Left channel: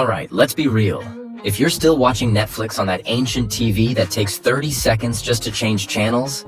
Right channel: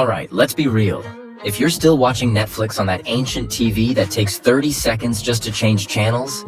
Alright, let's be real. If you're still watching Netflix on that ancient TV that takes 30 seconds just to change channels,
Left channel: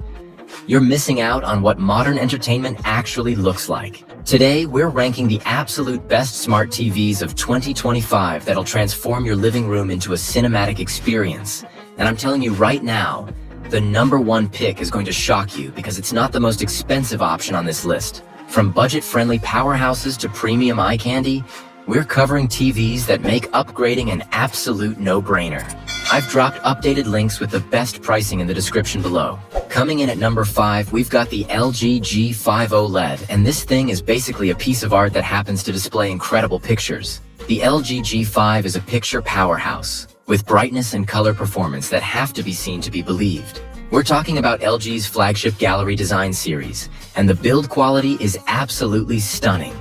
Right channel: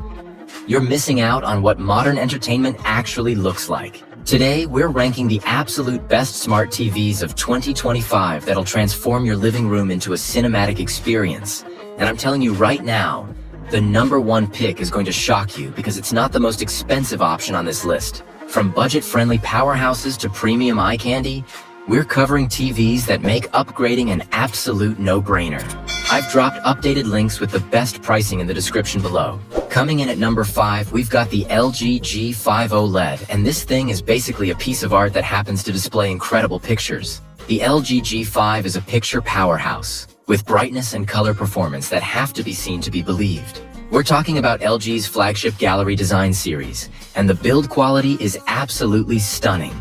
you're missing out on what modern entertainment actually looks like. Today, we're ranking the absolute best smart TVs of 2025 that'll transform your living room into a cinematic experience. And I'm telling you right now, the #1 pick is going to shock you because it's not the most expensive option on this list. From budget-friendly powerhouses to premium eye candy, we're covering TVs that make upgrading an absolute no-brainer. I've dropped updated links with the best pricing in the description below. Coming in at number 5, we've got the LG G5 OLED, and this thing is basically a piece of art that happens to display incredible pictures. The LG G5 is a picture powerhouse, with brightness and color performance that have to be seen to be believed. We're talking about LG's flagship gallery design series, and the build quality is absolutely stunning.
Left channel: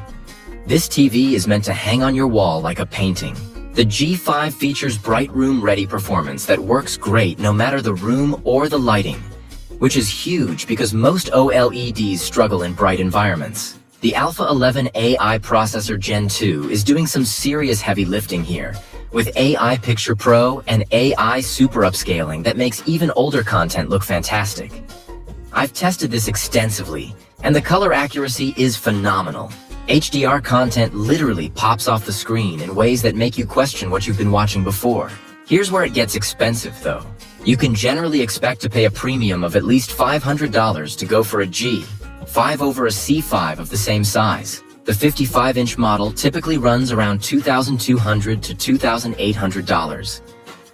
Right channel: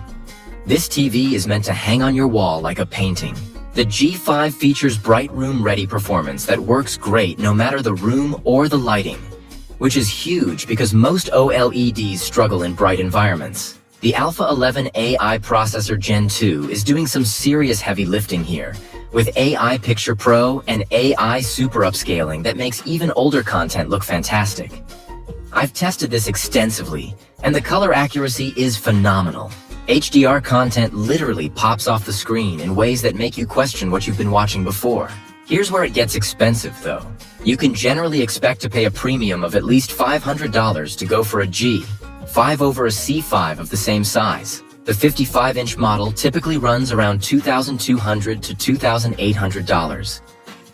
This TV is meant to hang on your wall like a painting. The G5 features bright room-ready performance that works great no matter the room or the lighting, which is huge because most OLEDs struggle in bright environments. The Alpha 11 AI processor Gen 2 is doing some serious heavy lifting here, with AI Picture Pro and AI Super Upscaling that makes even older content look fantastic. I've tested this extensively, and the color accuracy is phenomenal. HDR content literally pops off the screen in ways that make you question what you've been watching before. Here's where it gets expensive though. You can generally expect to pay a premium of at least $500 to go for a G5 over a C5 of the same size. The 55-inch model typically runs around $2,200 to $2,800,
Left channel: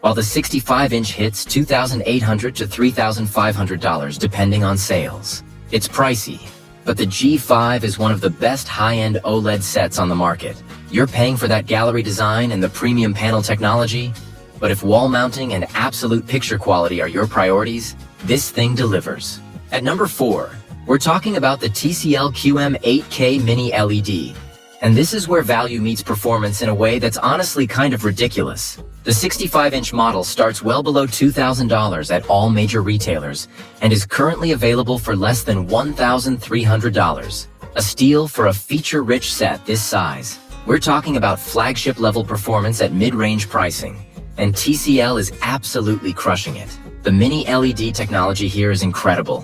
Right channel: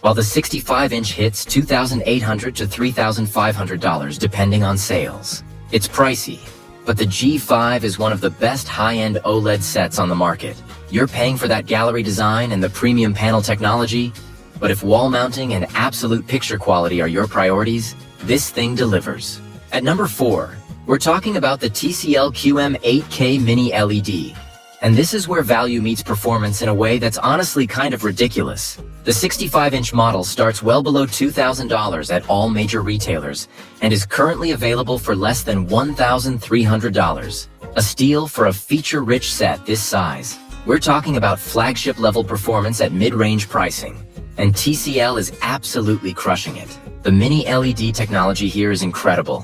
while the 65-inch hits $2,800 to $3,500 depending on sales. It's pricey, but the G5 is one of the best high-end OLED sets on the market. You're paying for that gallery design and the premium panel technology, but if wall mounting and absolute picture quality are your priorities, this thing delivers. At number 4, we're talking about the TCL QM8K Mini-LED. And this is where value meets performance in a way that's honestly kind of ridiculous. The 65-inch model starts well below $2,000 at all major retailers and is currently available for less than $1,300. A steal for a feature-rich set this size. We're talking about flagship-level performance at mid-range pricing, and TCL is absolutely crushing it. The Mini-LED technology here is incredible.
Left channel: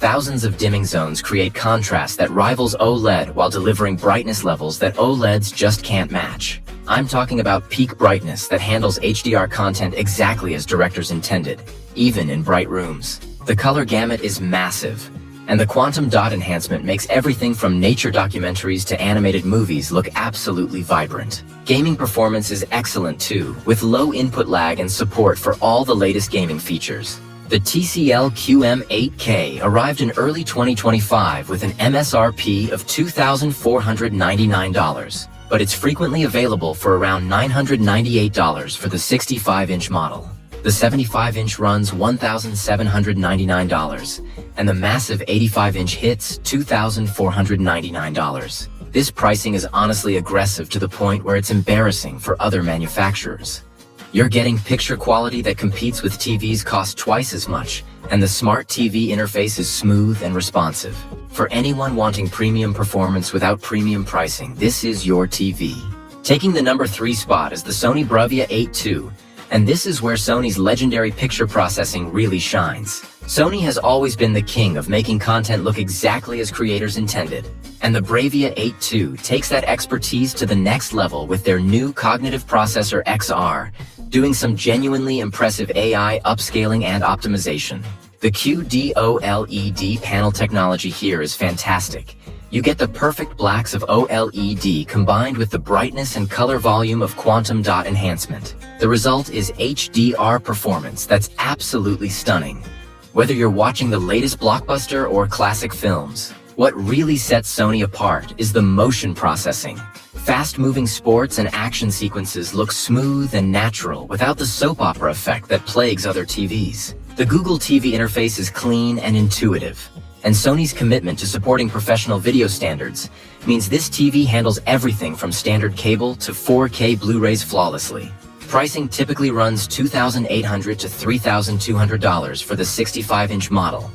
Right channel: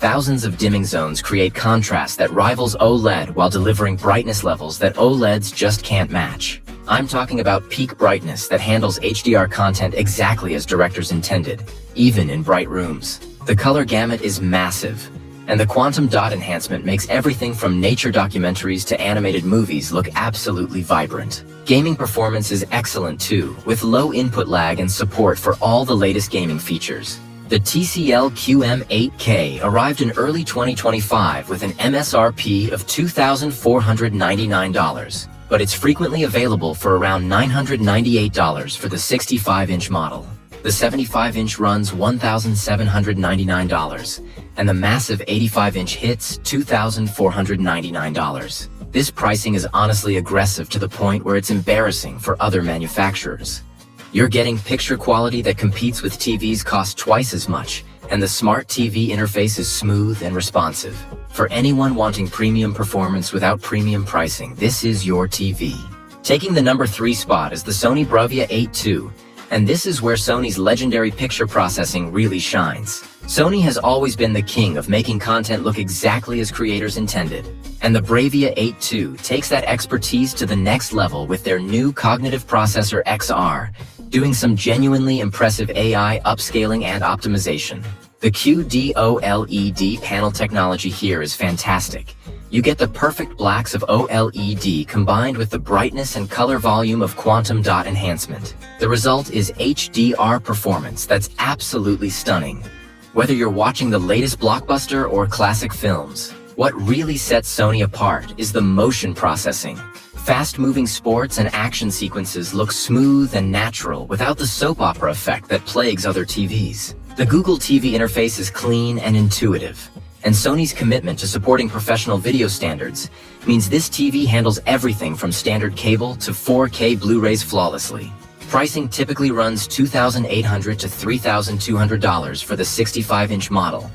Thousands of dimming zones create contrast that rivals OLED while delivering brightness levels that OLEDs just can't match. I'm talking about peak brightness that handles HDR content exactly as directors intended, even in bright rooms. The color gamut is massive, and the quantum dot enhancement makes everything from nature documentaries to animated movies look absolutely vibrant. Gaming performance is excellent too, with low input lag and support for all the latest gaming features. The TCL QM8K arrived in early 2025 with an MSRP of $2,499, but it's frequently available for around $998 for the 65-inch model. The 75-inch runs $1,799, and the massive 85-inch hits $2,499. This pricing is honestly aggressive to the point where it's embarrassing for other manufacturers. You're getting picture quality that competes with TVs cost twice as much, and the smart TV interface is smooth and responsive. For anyone wanting premium performance without premium pricing, this is your TV. Taking the number 3 spot is the Sony Bravia 8 II, and this is where Sony's legendary picture processing really shines. Sony has always been the king of making content look exactly as creators intended, and the Bravia 8 II takes that expertise to the next level with their new cognitive processor XR, doing some genuinely impressive AI upscaling and optimization. The QD-OLED panel technology here is fantastic. You get the perfect blacks of OLED combined with the brightness and color volume of quantum dot enhancement. The result is HDR performance that's absolutely stunning. Whether you're watching the latest blockbuster or classic films, what really sets Sony apart is the motion processing. Fast-moving sports and action sequences look smooth and natural without the soap opera effect that plagues other TVs. The Google TV interface is clean and intuitive, and Sony's commitment to supporting professional video standards means this TV handles everything from standard cable to 4K Blu-rays flawlessly. Pricing typically runs $2,800 to $3,200 for the 65-inch model,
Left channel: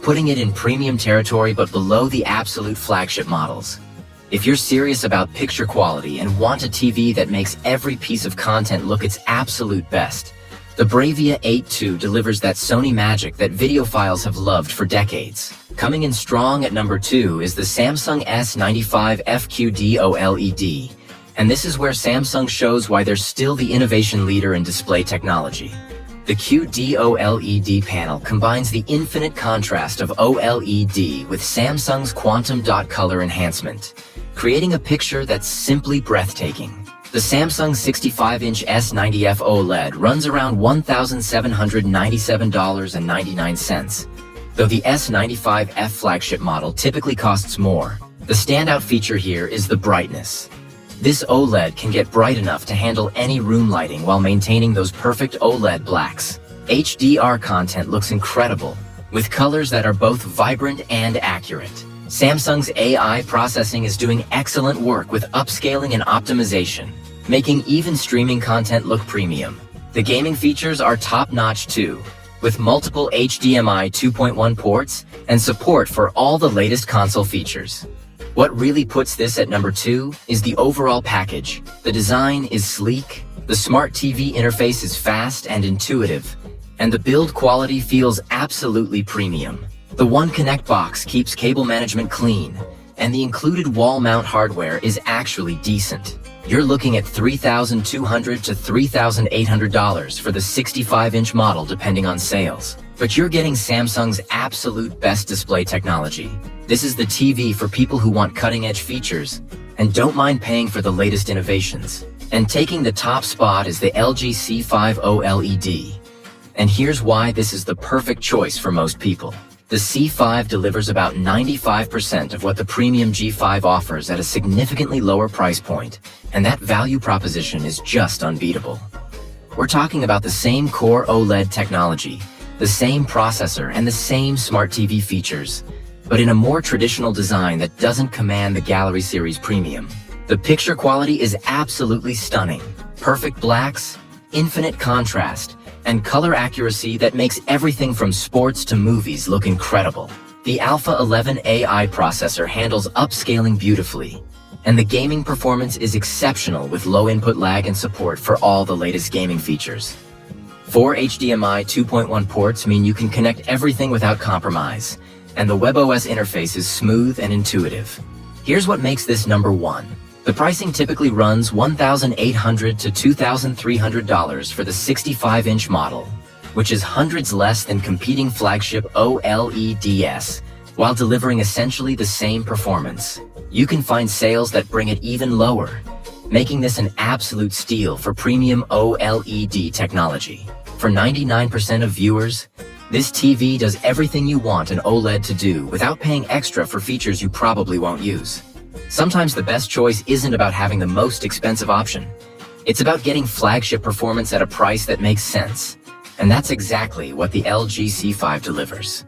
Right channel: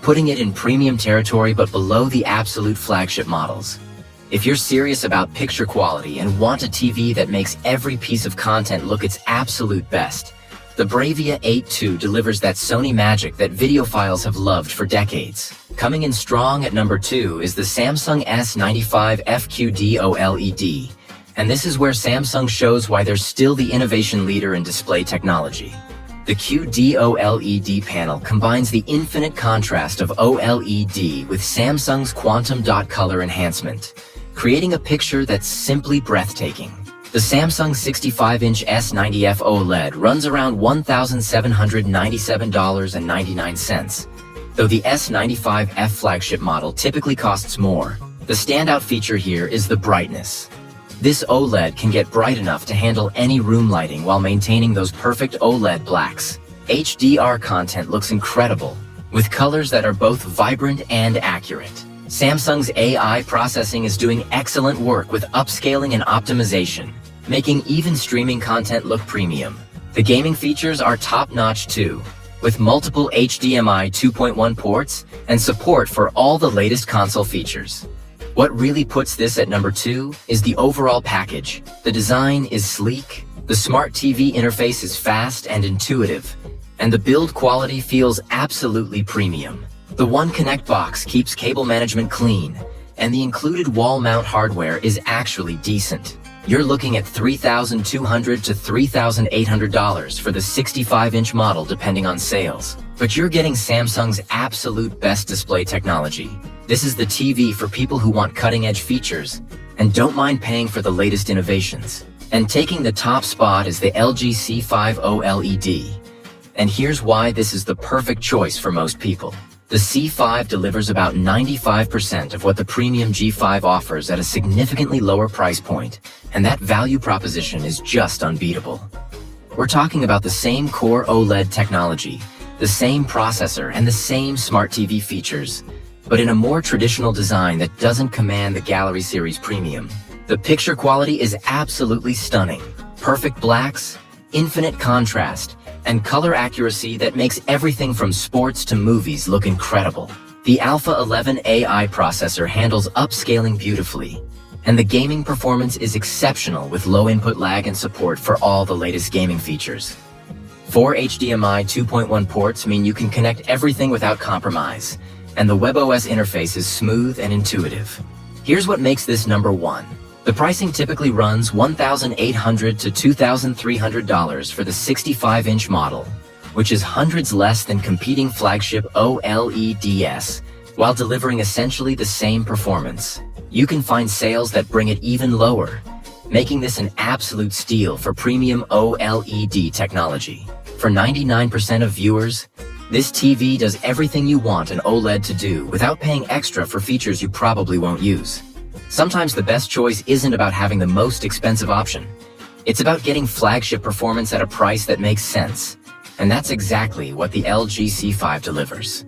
putting it in premium territory but below the absolute flagship models. If you're serious about picture quality and want a TV that makes every piece of content look its absolute best, the Bravia 8 II delivers that Sony magic that videophiles have loved for decades. Coming in strong at number 2 is the Samsung S95 QD-OLED, and this is where Samsung shows why they're still the innovation leader in display technology. The QD-OLED panel combines the infinite contrast of OLED with Samsung's quantum dot color enhancement, creating a picture that's simply breathtaking. The Samsung 65-inch S90F OLED runs around $1,797.99, though the S95F flagship model typically costs more. The standout feature here is the brightness. This OLED can get bright enough to handle any room lighting while maintaining those perfect OLED blacks. HDR content looks incredible, with colors that are both vibrant and accurate. Samsung's AI processing is doing excellent work with upscaling and optimization, making even streaming content look premium. The gaming features are top-notch too, with multiple HDMI 2.1 ports and support for all the latest console features. What really puts this at number 2 is the overall package. The design is sleek, the smart TV interface is fast and intuitive, and the build quality feels absolutely premium. The One Connect box keeps cable management clean, and the included wall mount hardware is actually decent. You're looking at $3,200 to $3,800 for the 65-inch model depending on sales. But you're getting Samsung's absolute best display technology. This is the TV for people who want cutting-edge features and don't mind paying for the latest innovations. And taking the top spot is the LG C5 OLED. And here's why this is the perfect choice for most people. The C5 delivers about 95% of what the premium G5 offers at a significantly lower price point, and that value proposition is just unbeatable. We're talking about the same core OLED technology, the same processor, and the same smart TV features, but in a more traditional design that doesn't command the Gallery Series Premium. The picture quality is absolutely stunning. Perfect blacks, infinite contrast, and color accuracy that makes everything from sports to movies look incredible. The Alpha 11 AI processor handles upscaling beautifully, and the gaming performance is exceptional with low input lag and support for all the latest gaming features. 4 HDMI 2.1 ports mean you can connect everything without compromise, and the WebOS interface is smooth and intuitive. Here's what makes this number 1. The pricing typically runs $1,800 to $2,300 for the 65-inch model, which is hundreds less than competing flagship OLEDs, while delivering essentially the same performance. You can find sales that bring it even lower, making this an absolute steal for premium OLED technology. For 99% of viewers, this TV does everything you want an OLED to do without paying extra for features you probably won't use. Sometimes the best choice isn't about having the most expensive option. It's about getting flagship performance at a price that makes sense. And that's exactly what the LG C5 delivers.